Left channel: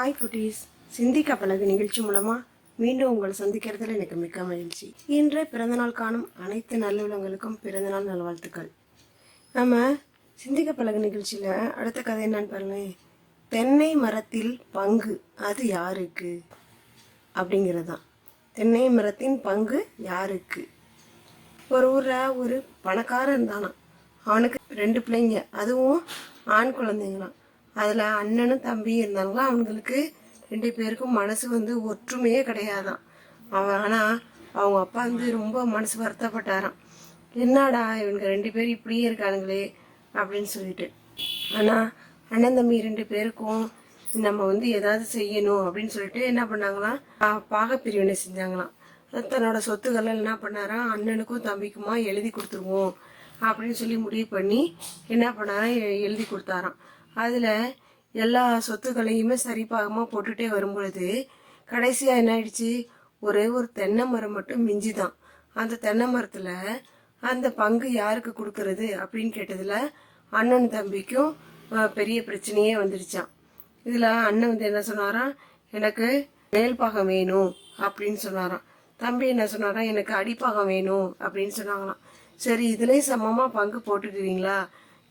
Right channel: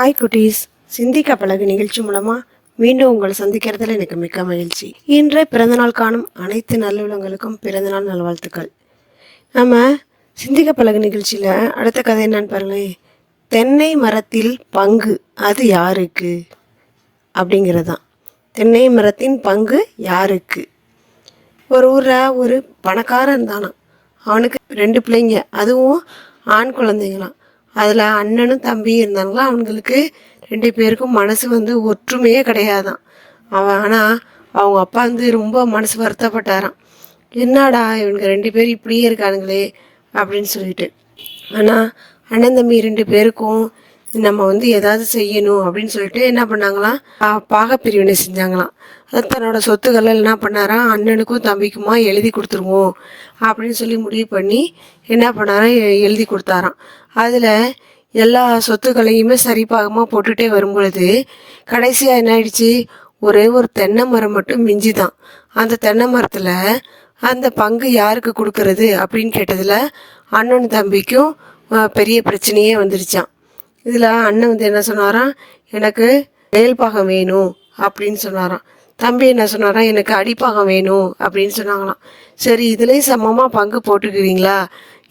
Hi குட்டீஸ் சிந்திக்க பழகு நிகழ்ச்சி மூலமாக மீண்டும் உங்களை சந்திக்கிறதுல எனக்கு மிக்க மகிழ்ச்சி. இன்றைய பிறந்தநாள் காணும் அனைத்து நல்லுள்ளங்களுக்கும் பிறந்தநாள் நல்வாழ்த்துக்கள். நம்ம சிந்திக்க பழகு நிகழ்ச்சியில் அடுத்த கதை என்னன்னு பாருங்களேன் தென்னை மரத்தில் பங்கு அது யாருக்கு? அப்படிங்கிறது தான் தென்னை மரத்தின் பங்கு யாருக்கு? ஒரு ஊரில் ஒரு பணக்காரன் தானா அவனுக்கு ரெண்டு பிள்ளைங்க. அதுவும் ஆண் குழந்தைங்களாம். அதில் அண்ணனும் தம்பியும் இருந்தாங்களா? அவங்களுக்கு ரெண்டு பேருக்கும் மனசு வந்து ஒற்றுமையே கிடையாதான். அவன் ஆனால் அவங்க அப்பா வந்து ரொம்ப மனசு வருத்தப்பட்டாராம். என்னடா இவனுங்க ரெண்டு பேரும் இப்படியே இருக்கானுங்களே அப்படின்னு சொல்லிட்டு. ஆனால் அண்ணன் தம்பி ரெண்டு பேருக்கும் நம்ம வந்து ஏதாவது செய்யணும் அப்படின்னு சொல்லிட்டு என்ன பண்ணாங்களாம்? பாகப்பிரிவினை செஞ்சாங்களாம். அதாவது தன்னோட சொத்துக்களை என்ன பண்ணாராம் அண்ணனுக்கும் தம்பிக்குமா எழுதி கொடுத்துருவோம் அப்படின்னு சொல்லி முடிவு பண்ணி என்ன பண்ணாராம் எ- எழுதி கொடுத்தாராம். அதில் எல்லா சொத்துக்களையுமே சரிபாகமாக போட்டுகிட்டே வரும்பொழுது கடைசியாக என்ன ஆயிடுச்சு? ஒரே ஒரு தென்னை மரம் மட்டும் மிஞ்சி தான் அந்த தென்னை மரத்தில் அந்த பங்கு யாருக்கு கொடுக்கறது அப்படின்னு கேட்டதில் அண்ணன் தம்பிக்கும் பெரிய பிரச்சனையே வந்துருச்சான் இதில் அண்ணன் வந்து என்ன சொன்னாராம்? எனக்கு மேல்பாகம் வேணும் அப்படின்னு சொன்னாராம். தம்பி என்ன சொன்னாராம்? எனக்கு அடிப்பாகம் வேணும் அப்படின்னு சொன்னாங்களாம். சரி இதுலேயும் சமமாக பங்கு போட்டுக்குவீங்களா?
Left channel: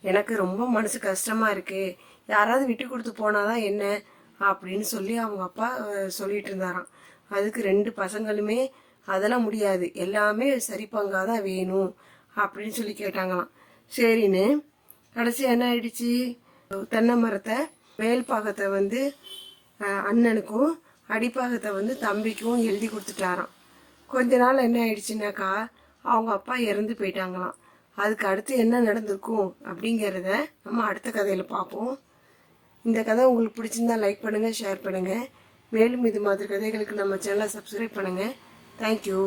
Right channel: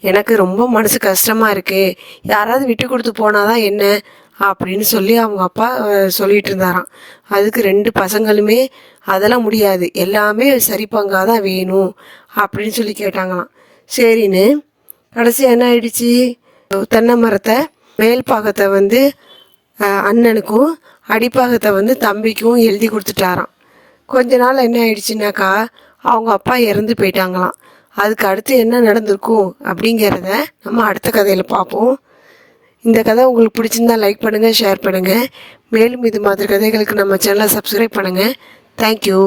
எனக்கு ரொம்ப மனசு கஷ்டமாக இருக்குது யாராவது விட்டு கொடுத்து போனாதான் என்ன? அப்படின்னு சொல்லி அவங்க அப்பா சொல்லிட்டு இருந்தாராம். அதுக்கு ரெண்டு பசங்களுமே அதெல்லாம் முடியாது. எல்லாமே சரி பங்காக தான் வேணும் அப்படின்னு சொல்லி கேட்டாங்களாம். சரின்னு கடைசி என்ன ஆயிடுச்சு? தென்னை மரத்தை மேல் பாகத்தை வந்து அண்ணனுக்கும் அடிப்பாகத்தை வந்து தம்பிக்கும் எழுதி கொடுத்துட்டாராம். கொஞ்ச நாள் என்ன ஆயிடுச்சுனாக்கா அவங்க அப்பா இறந்து போயிட்டாங்களாம். அதுக்கு அடுத்து என்ன நடந்திருக்கும் அப்படிங்கிறத நம்ம அடுத்த கதையில் பார்ப்போம். இந்த கதை உங்களுக்கு பிடிச்சிருந்தா லைக் பண்ணுங்கள் ஷேர் பண்ணுங்கள் மேலும் இது மாதிரி கதைகளுக்கு நம்ம சேனலை சப்ஸ்கிரைப் பண்ணுங்கள் தேங்க்யூ